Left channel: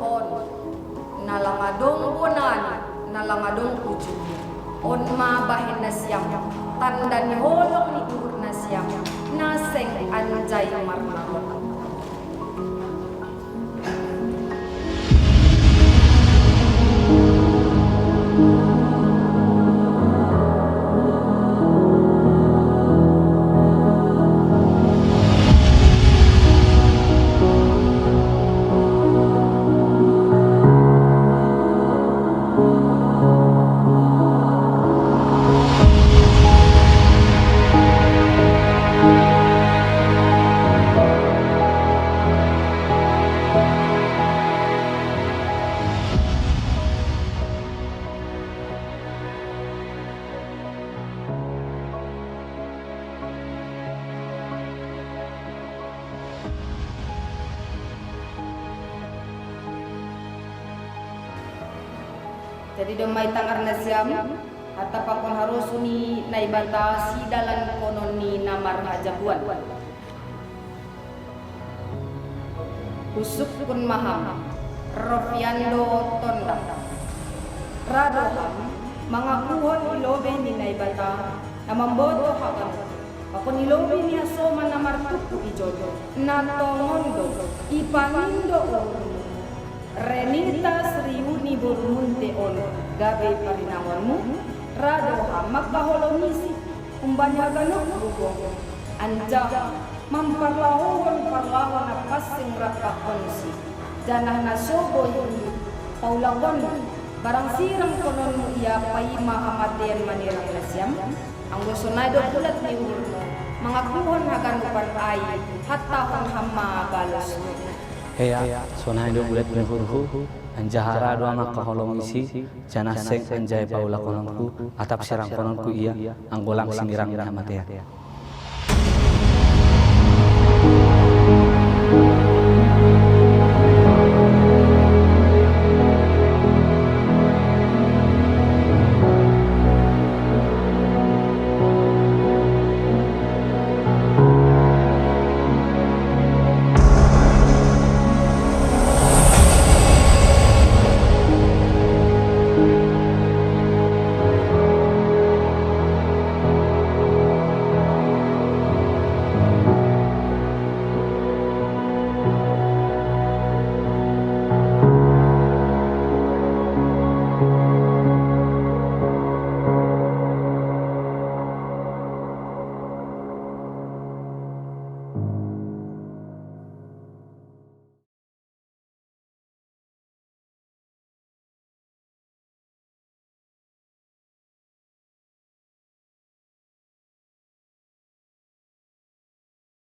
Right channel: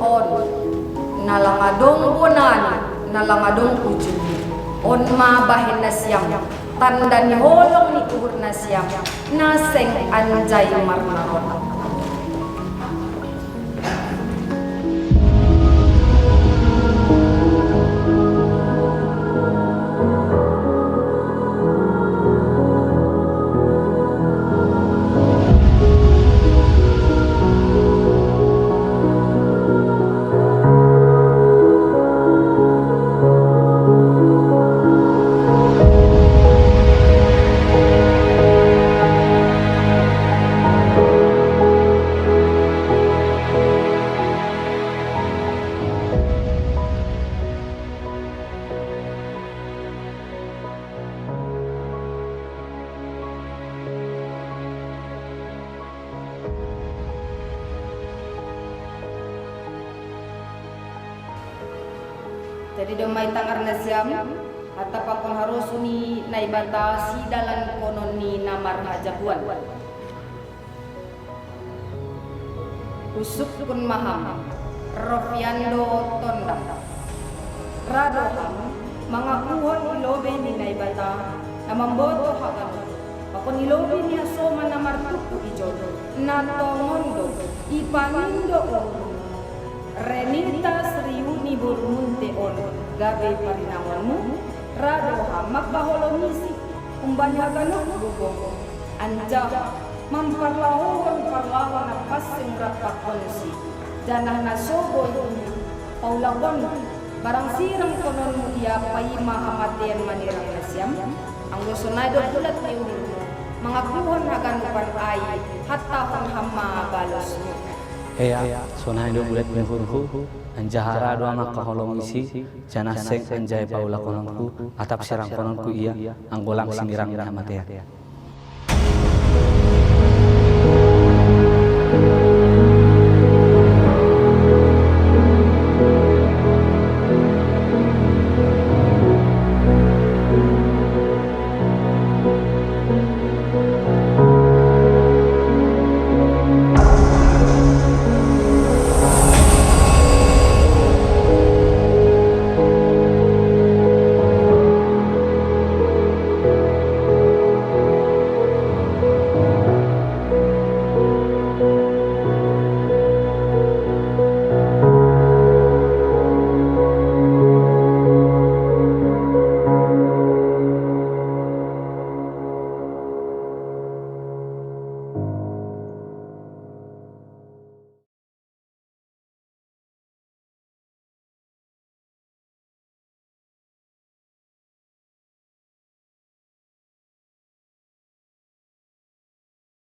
on nalangadong bunan nalangadong ujung on mabahin na siyam tanda ni holong ni tuhur na siyam naseng anjay marmaron. Jadi domay tangar na siyam at tapakon harus ni naibata si dalan konon ni namar hajabuan. Usuk kun maham Rofiando Tonda Radoham mga kuhon ilobe ni naibata na mamboto hagan pakon ilobe niya soma na martuku ijodo na tongondo ipanindo Renitas riuni burmunte on gabe parinangonmu radoha magkaholomisi umbanyaganok gugong anja mamparlahon parlawan na pasing rapakonsi janah na soboy paulagon barang sirang konon mo iya pay mahamatian manirang nasyam ang gusto na do pulat ni urmo mga kuhon haganupan ay hatahon hama balos mo. Heya, sonai do bulat menghurhu, anjahara do amak kaholong isi, janah seng anjay paula kononku, atap serang kononku iya, anggolang sinirang matea.